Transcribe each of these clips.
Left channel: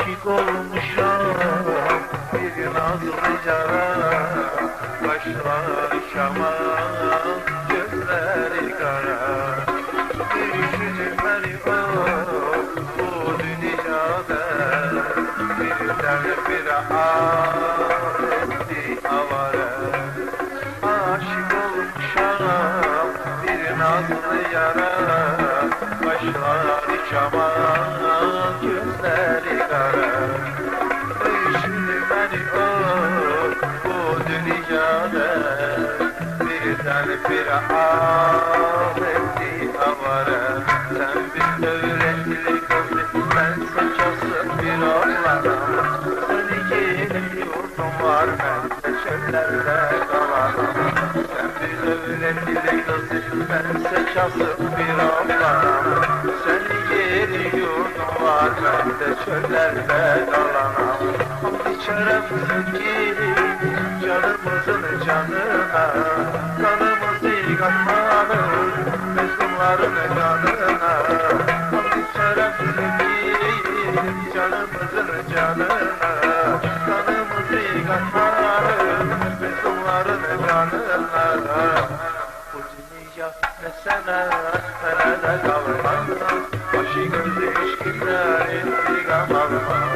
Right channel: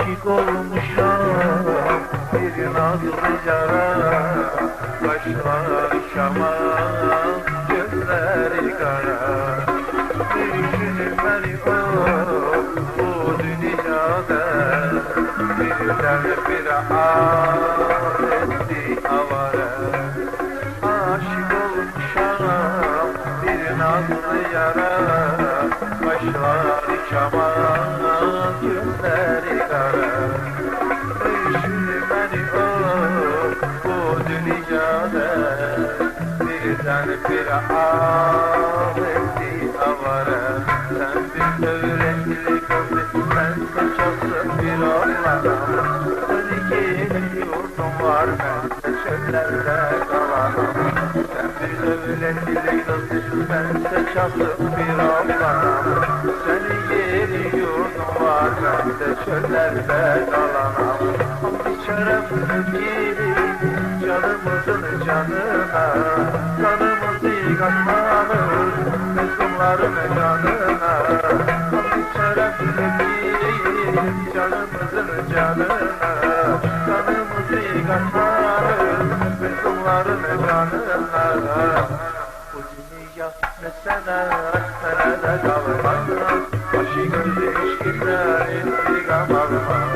Aşık olmuşam bir nazlı cara, kaşları şaman, gözleri kara. Bir cimri bu dünyada, bir bir avara. Aşık olmuşam bir nazlı yara, kaşları şaman, gözleri kara. Şimdi bu dünyada birden bir ahretti avara. Sen bir öğretili kızı, ben saçası bir oğlanım. Seni gelin yurdum var, ben de çöllerde kalamam. Sen bir öğretili kızı, ben saçası bir oğlanım. Seni gelin yurdum var, ben de çöllerde kalamam. İçerem girin canımızın canına, kanımızı katmanır mezunların kanına. İçerem girin canımızın canına, kanımızı katmanır mezunların kanına. Bu dünya mesele nerede kalmaz, başı gözü işkiler intikam almaz.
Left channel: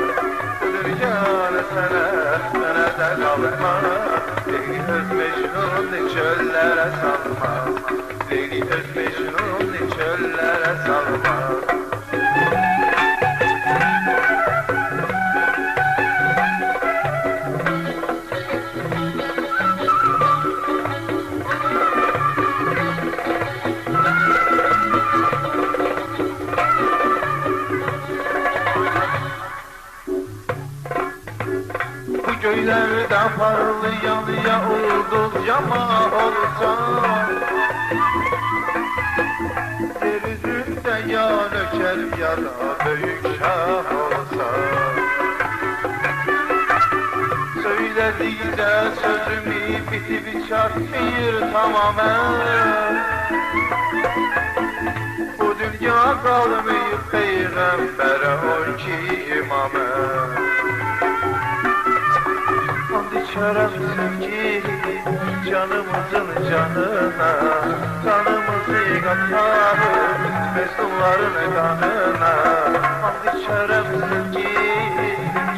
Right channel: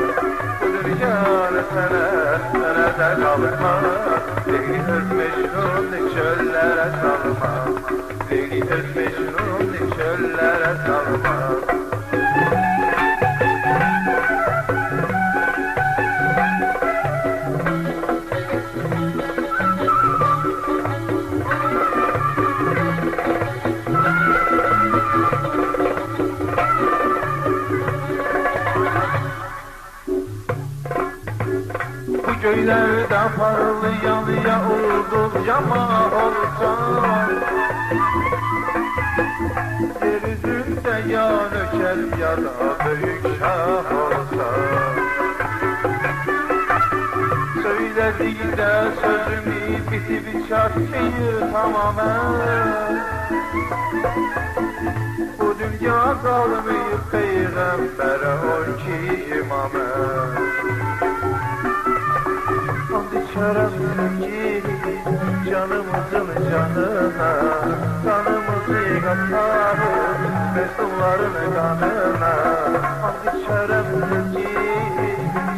Nerede kalma, deli öz Mecnun çöllere salma, deli öz Mecnun çöllere salma. Göylerde parlayan yağıldı cama olsa, yeryüzünde yağ döker yara büyük şah olsa. Söylediğinde sözümü bitip çarptır tamamen. Bu dünya kalmayıp peygambere on ki imame. İçeremsin ki canımızın canına, kanımızı katarır mezunların kanına. İçeremsin ki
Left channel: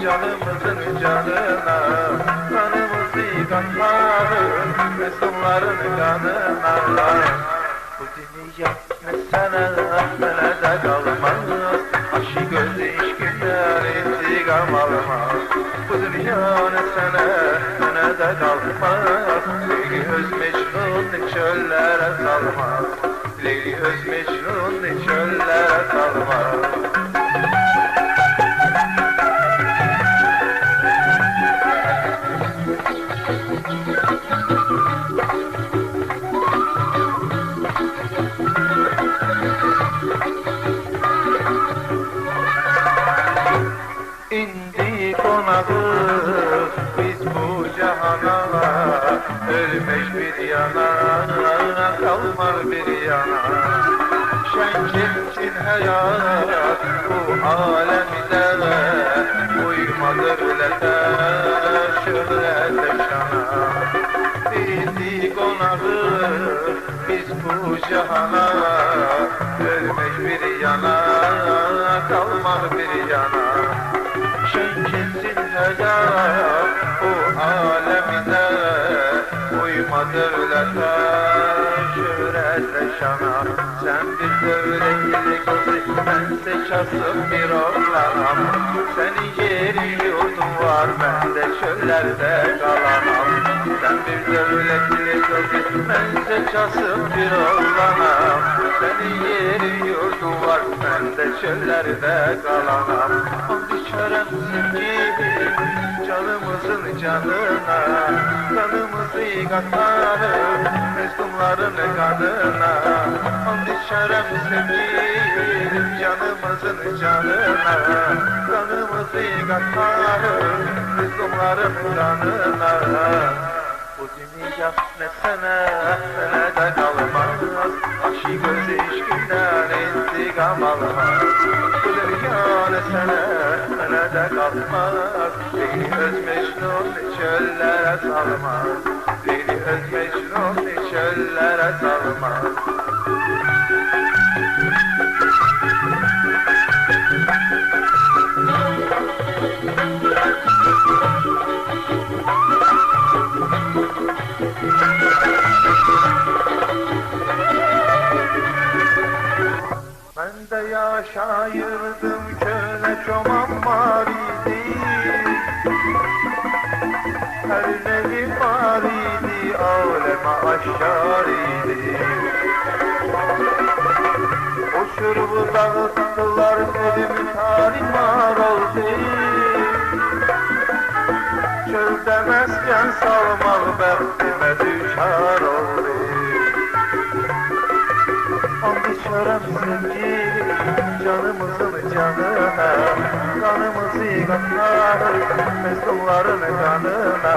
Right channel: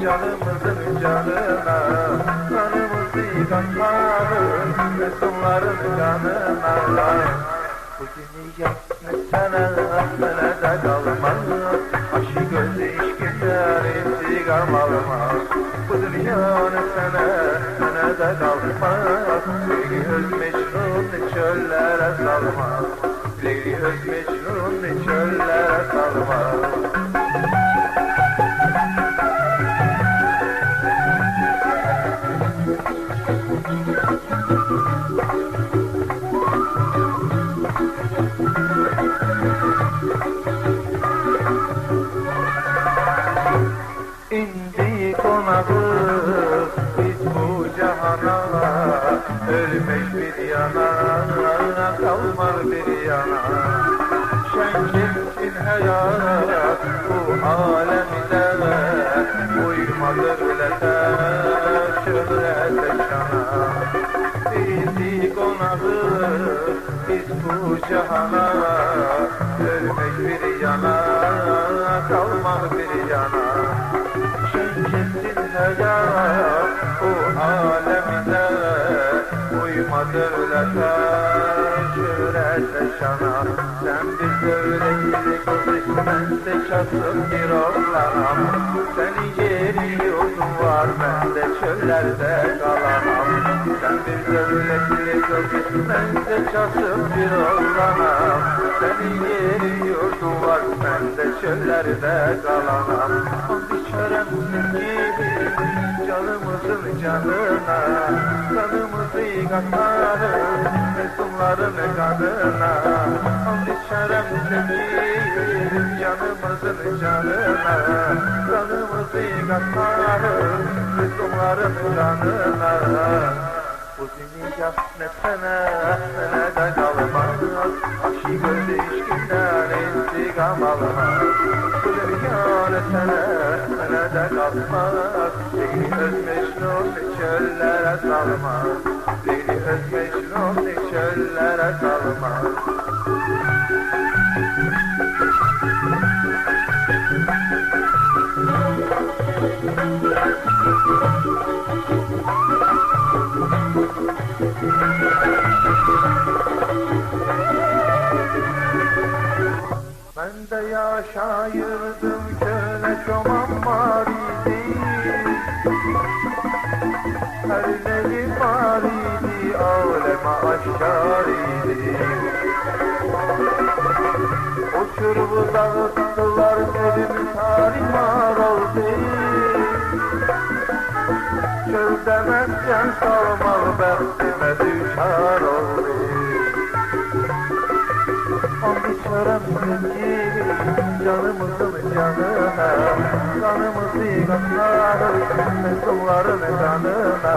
canımızın canına, kanımızı katarır mezunların kanına. Bu dünya mesele de kalmaz, aşık gözü işkiler intikam almaz. Bu dünya mesele de kalmaz, Leyli öz Mecnun çöllere salmaz, Leyli öz Mecnun çöllere salmaz. İndi konağı biz bu cihana, ölmek bir yana, kalmak bir yana. Şenkinsin hayat bu alemde, uymadır lete şöhrete şana. İndi konağı biz bu cihana, ölmek bir yana, kalmak bir yana. Şenkinsin hayat bu alemde, uymadır lete şöhrete şana. Sen bir devletli kızı, bense çasım bir oğlanam. Senin yerin yurdun var, ben de çöllerde kalamam. Sen bir devletli kızı, bense çasım bir oğlanam. Senin yerin yurdun var, ben de çöllerde kalamam. İçeremsin gibi canımızın canına, kanımızı katarır mezunların kanına. İçeremsin gibi canımızın canına, kanımızı katarır mezunların kanına. Bu Bu dünya ne sana ne de kalmaz. Aşık öz ilişkinden intikam alamaz. Bu dünya ne sana ne de kalmaz. Beni öz Mecnun çöllere salmaz. Beni öz Mecnun çöllere salmaz. Ben de yaşayırdım köle çoban var idi. Her neyim var idi, aleme aşar idi. Uçurumu dağıttılar, evim tarimar oldu. Çölde mesken salmalı bəxtimə düşar oldu. And içərəm sevgilim, canımızın canına, kanımızı qatlarız, mezunların canına.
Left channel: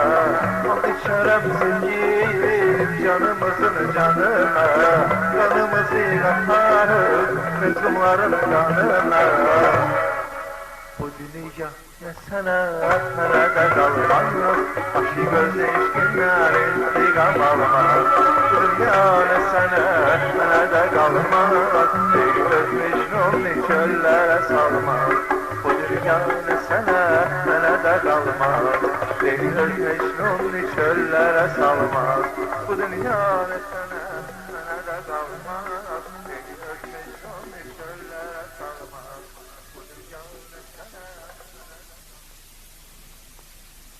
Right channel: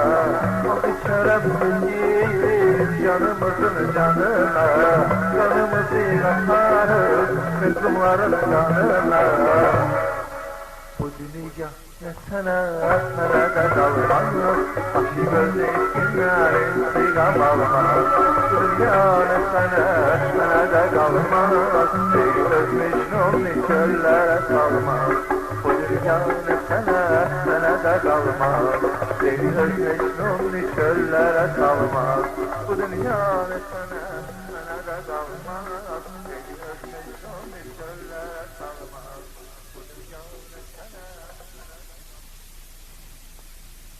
And içərəm sevgilim, canımızın canına, kanımızı qatlarız, mezunların canına. Bu dünya ne sana nerede kalmaz. Aşık öz eşkinler intikam almaz. Bu dünya ne sana nerede kalmaz. Beni öz Mecnun çöllere salmaz. Bu dünya ne sana nerede kalmaz. Beni öz Mecnun çöllere salmaz. Bu dünya ne sana nerede kalmaz.